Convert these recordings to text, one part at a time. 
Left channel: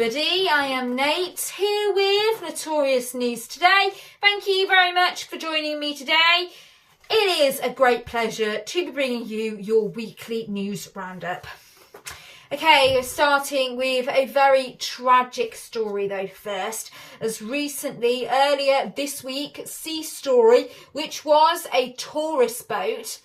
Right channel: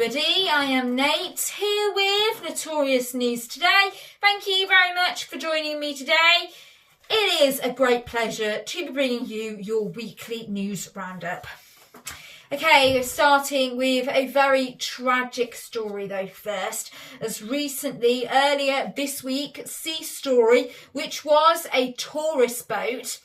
everybody, I am Nate here with Notorious News Today. Thank you very much for joining me today. It is a great pleasure to be bringing you your weekly news roundup. Okay, starting with a very tragic story though first, as recently, earlier this week, Sea Story, which was a tourist boat,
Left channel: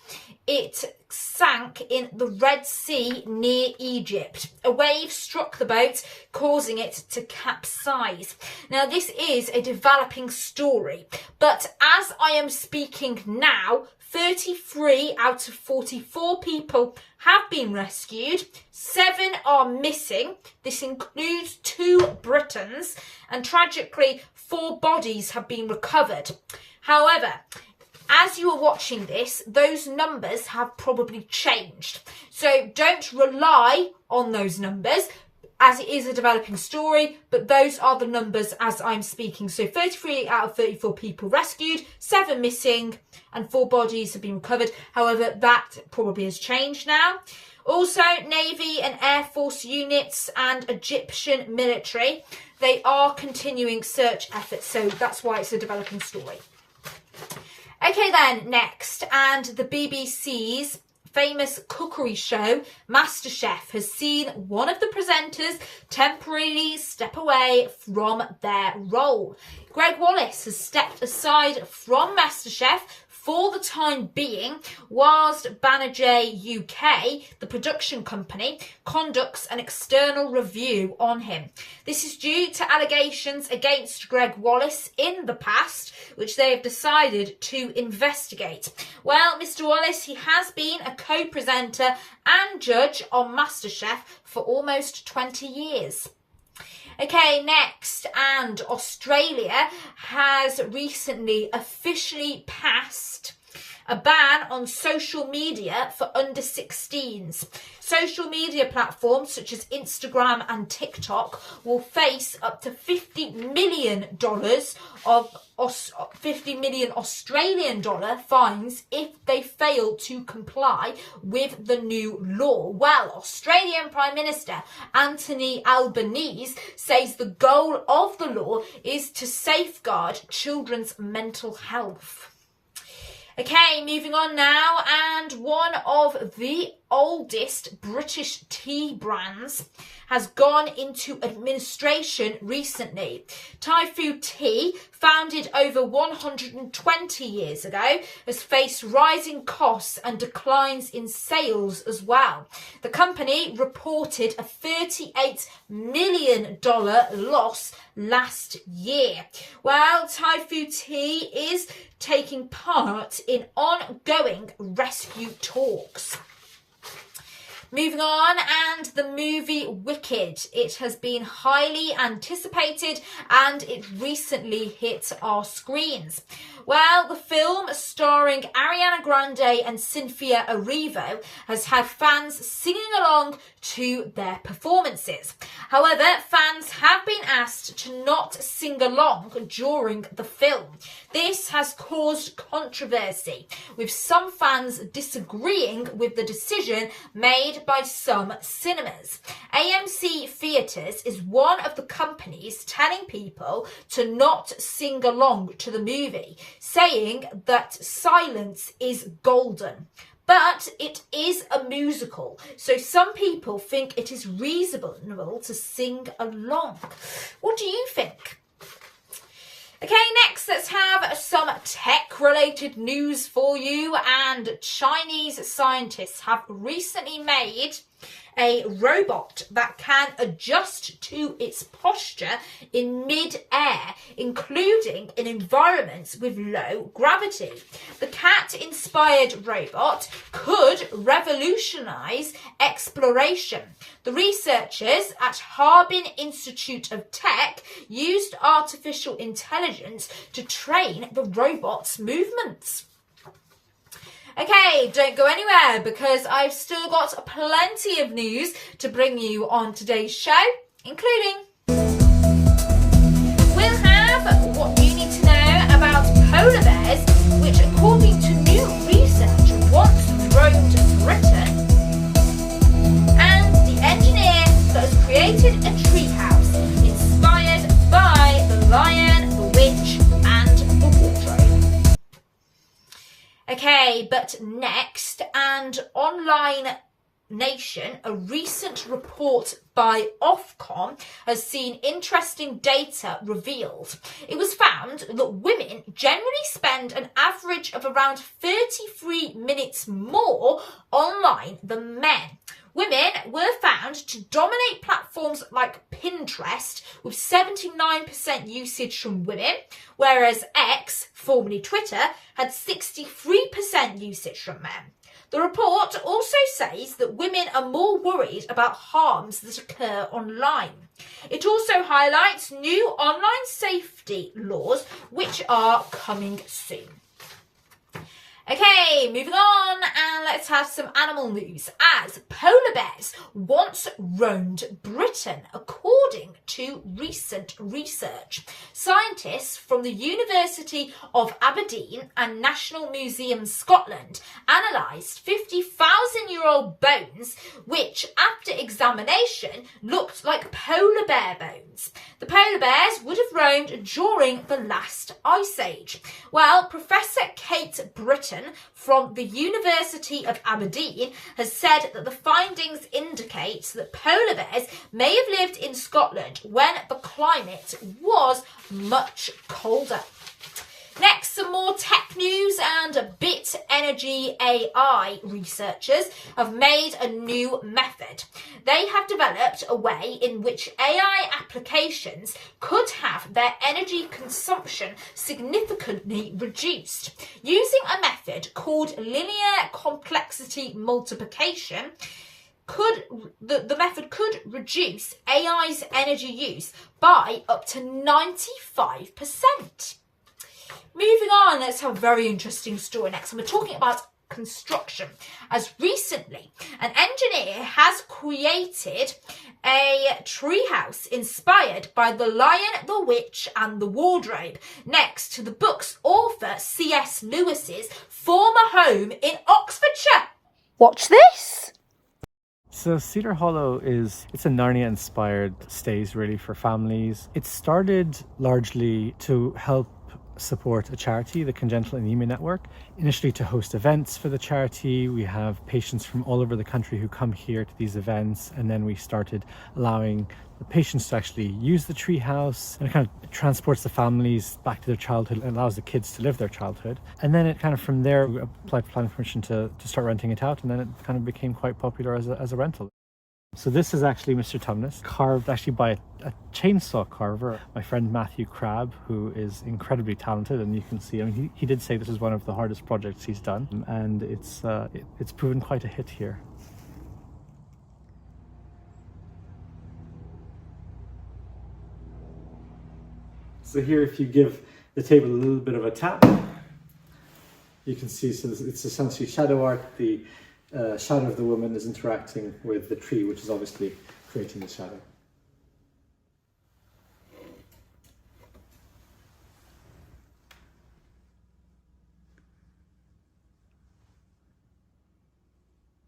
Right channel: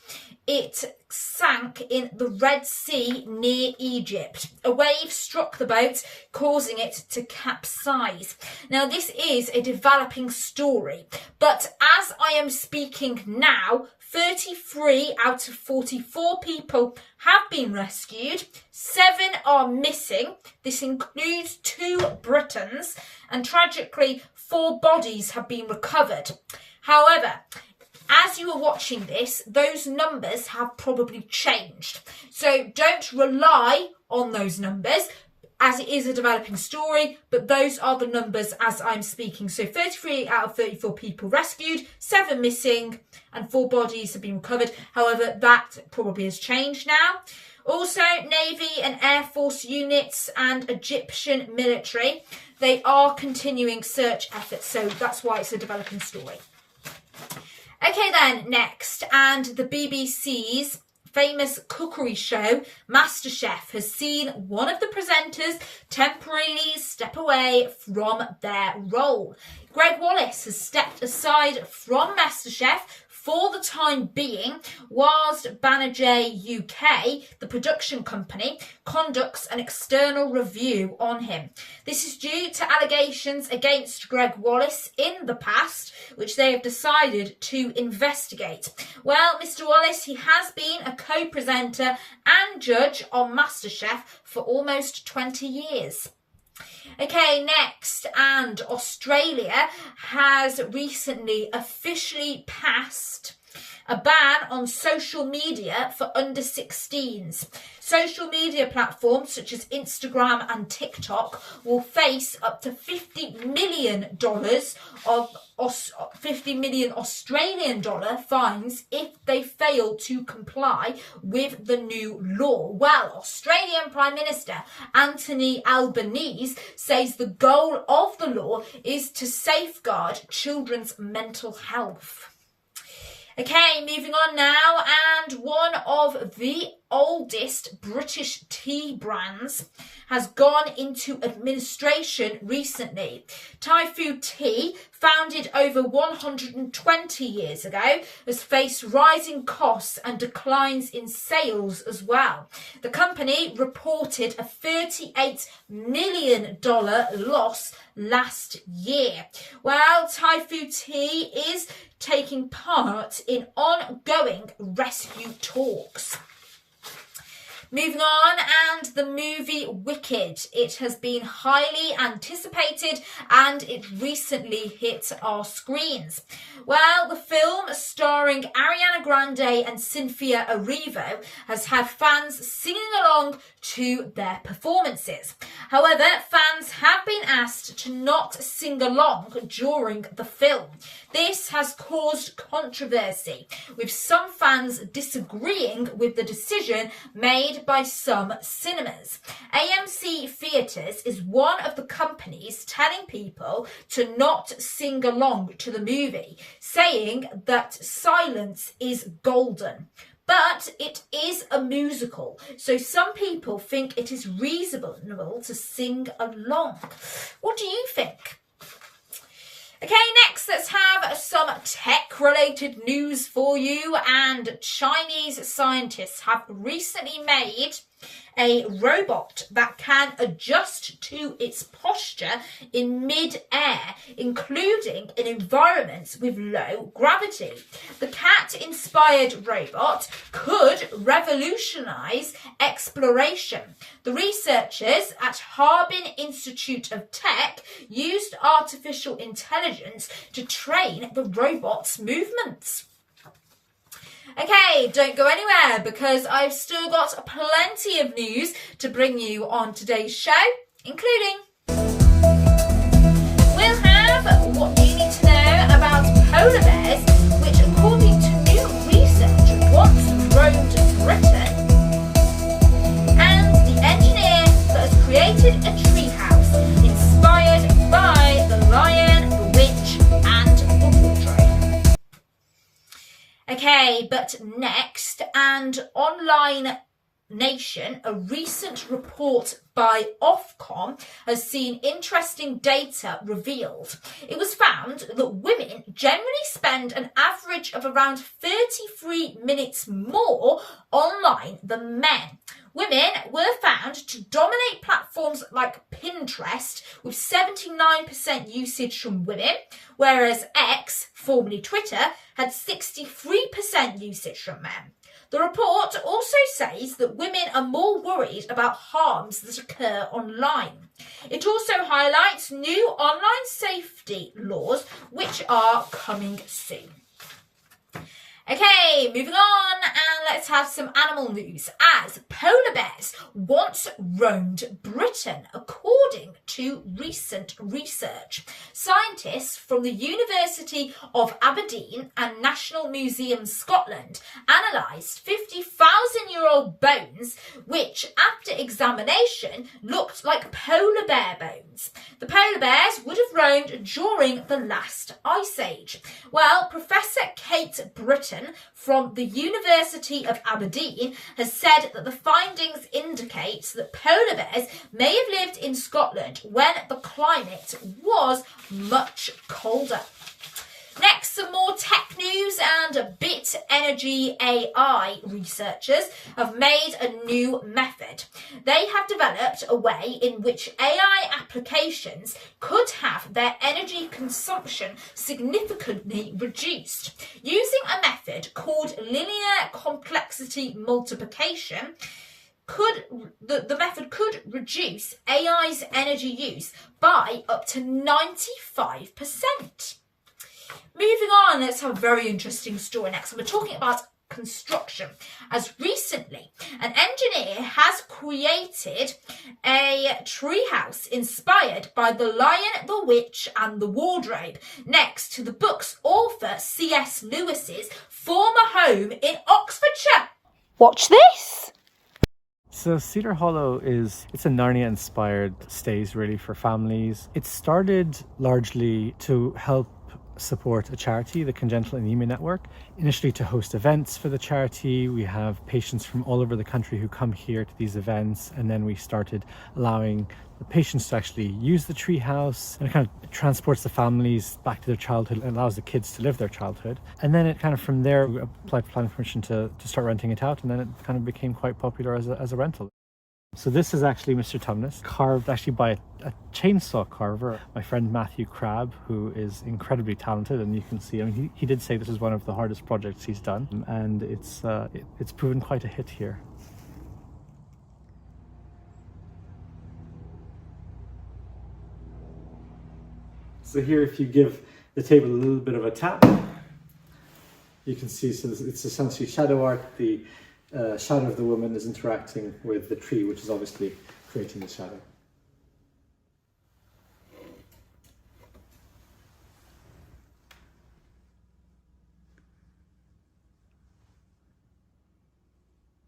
it sank in the Red Sea near Egypt. A wave struck the boat, causing it to capsize. Now, this is a developing story, but as I am speaking now, 33 out of 44 people have been rescued. 7 are missing. This includes 2 Britons, and tragically, 4 bodies have been recovered. However, as you are watching this, those numbers have probably changed. So don't rely on those numbers, as it is a developing story, but those are the numbers as I'm speaking. So 33 out of 34 people rescued, 7 missing, and 4 bodies have been recovered. However, that probably has changed now. Also, Navy and Air Force units and Egyptian military, they are continuing search efforts. So that's why it's a developing story. Okay then, next, and the BBC's famous cookery show, Masterchef, has seen one of the presenters temporarily step away from their role. Gregg Wallace has stepped aside from Masterchef for the time being, whilst Banijay UK, the production company, conducts an external review on him. This is due to allegations against Gregg Wallace in the past, which they have decided to investigate. Well, Mr. Wallace, he has been a co-presenter and judge on Masterchef for almost 20 years. Okay, next, and Australia has recently officially passed a ban on social media for under 16s. Social media platforms such as Instagram and TikTok will face up to $50 million Australian dollar fines if they fail to comply with the new law. Well, Australian Prime Minister Anthony Albanese says the goal of the law is to safeguard children's mental health. Okay, moving on now, and one of the oldest British tea brands has gone into administration recently. Thai Food Tea, founded over 120 years ago, has faced rising costs and declines in sales as well. The company reported a $38 million loss last year. Well, Thai Food Tea is taking part in ongoing rescue talks. Moving on, and the movie Wicked. It has been highly anticipated and it recently hit our screens. Well, the film starring Ariana Grande and Cynthia Erivo has had fans singing along to their performances. However, fans have been asked to not sing along during the film. This has caused controversy, with some fans disagreeing with the decision made by some cinemas. AMC Theatres is one of the companies telling people to not sing along to the movie, saying that silence is golden. But it is a musical, so some people think it is reasonable to sing along. What do you think? Okay, next, let's have some tech-related news for you. And Chinese scientists have recently made a robot that can adjust to its posture in mid-air, including in environments with low gravity. The cat-inspired robot could revolutionise exploration. The researchers at Harbin Institute of Tech used artificial intelligence to train the robot's movements. Okay, don't go anywhere because I've still got plenty of news to bring you on today's show, including we'll have what you need to know about polar bears, which according to new research once roamed Britain, and the engineer that has created a treehouse Okay, but next, and online Nation, a recent report by Ofcom has seen interesting data revealed. It was found that women generally spend an average of around 33 minutes more online than men. Women were found to dominate platforms like Pinterest, with 79% usage from women, whereas X, formerly Twitter, had 63% usage from men. The report also says that women are more worried about harms that occur online. It also highlights new online safety laws which are coming soon. Okay, moving on, and let's have some animal news, as polar bears once roamed Britain, according to recent research. Scientists from the University of Aberdeen and National Museum Scotland analysed 50,000-year-old bones, which, after examination, looked like polar bear bones. The polar bears would have roamed during the last ice age. Well, Professor Kate Britton from the University of Aberdeen has said that the findings indicate that polar bears may have lived in Scotland when the climate was much colder. Next, some more tech news, and Bit Energy AI researchers have made a new method. They have developed a way in which AI applications could have their energy consumption significantly reduced. Using a method called linear complexity multiplication, the method could reduce AI's energy use by up to 95%. Moving on, let's have a very interesting story next. And we're talking about construction, as recently an engineer has created a treehouse inspired by The Lion, the Witch and the Wardrobe, next to the book's author C.S. Lewis's former home in Oxfordshire. Watch this! So Cedar Hollow it's a Narnia-inspired stays really for families. It started largely to help support a charity, the Congenital Anemia Network, initially to host events for the charity. We have patients from all over the country who come here to these events, and then we started allowing the patients to actually use the treehouse, and it kind of transports the families back to their childhood and allows the kids to live their childhood. And then it kind of from there we applied for planning permission to start renting it out, and then it kind of became quite popular as a rental. So this is actually Mr. Tumnus, carved actually by a chainsaw carver, my friend Matthew Crabb, who is incredibly talented, and you can see, I mean, he did say this is one of the hardest projects he's done, and it's proven quite a hit here. So here, if you give the table a little bit of a tap, you can see, so it's essentially shadow art. The shadow of the woman is interacting with the tree, which is obviously creating the shadow.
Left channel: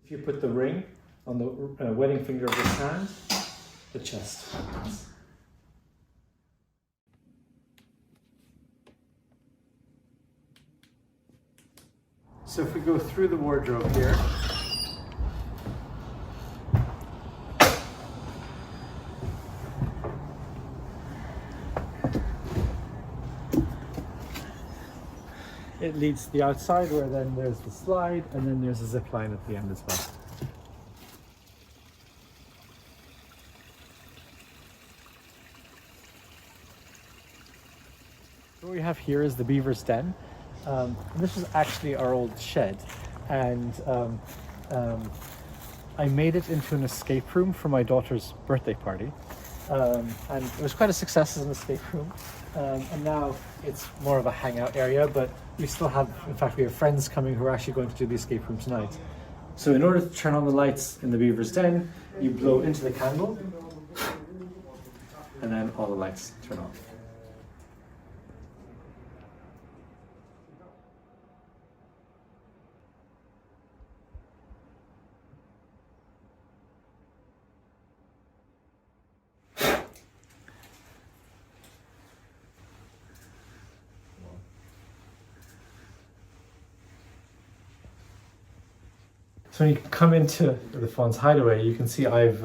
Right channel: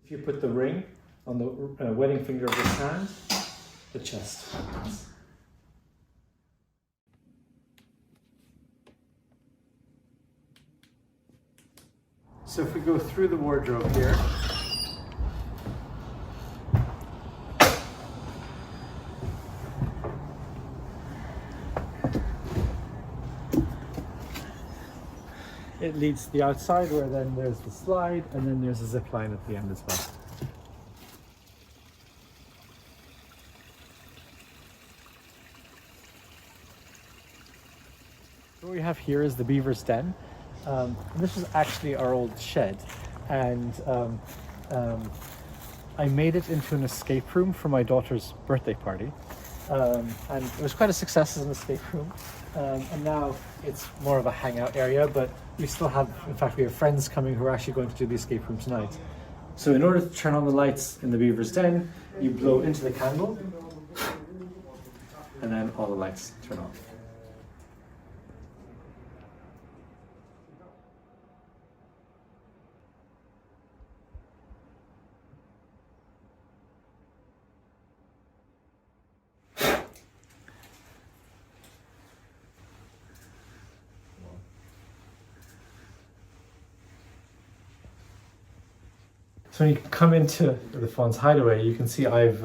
If you put the ring on the wedding finger of his hand, the chest opens. So if we go through the wardrobe here, it leads to the outside, where then there's the slide, and then there's a zip line at the end as well. What we have here is the beaver's den. And this was actually our old shed, and I made it into an escape room for my daughter's birthday party, and it was quite a success as an escape room, and now it's more of a hangout area, but we still have, in fact, we have friends coming who are actually going to do the escape room tonight. So in order to turn on the lights in the beaver's den, you blow into the candle, and then all the lights turn off. So when you come into the Fawn's hideaway, you can see I've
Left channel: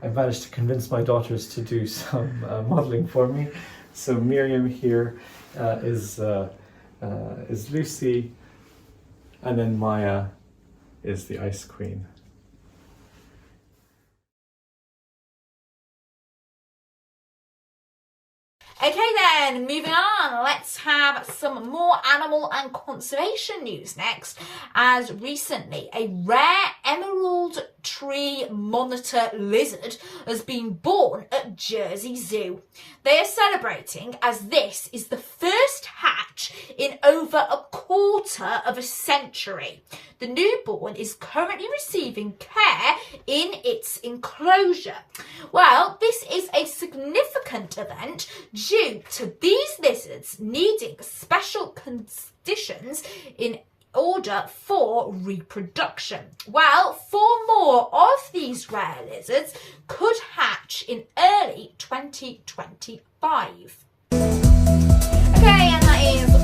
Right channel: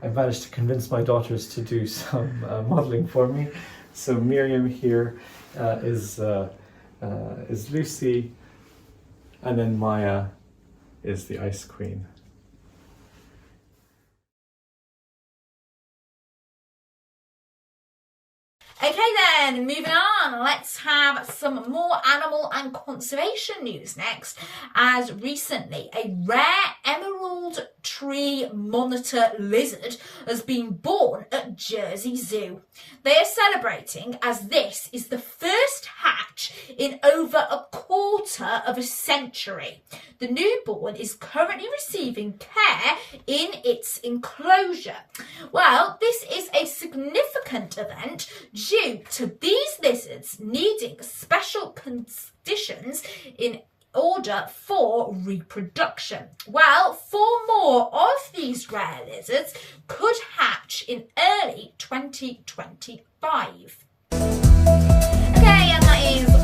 managed to convince my daughters to do some modelling for me. So Miriam here is Lucy, and then Maya is the Ice Queen. Okay then, moving on, let's have some more animal and conservation news next, as recently a rare emerald tree monitor lizard has been born at Jersey Zoo. They are celebrating as this is the first hatch in over a quarter of a century. The newborn is currently receiving care in its enclosure. Well, this is a significant event due to these lizards needing special conditions in order for reproduction. Well, 4 more of these rare lizards could hatch in early 2025. Okay, and that is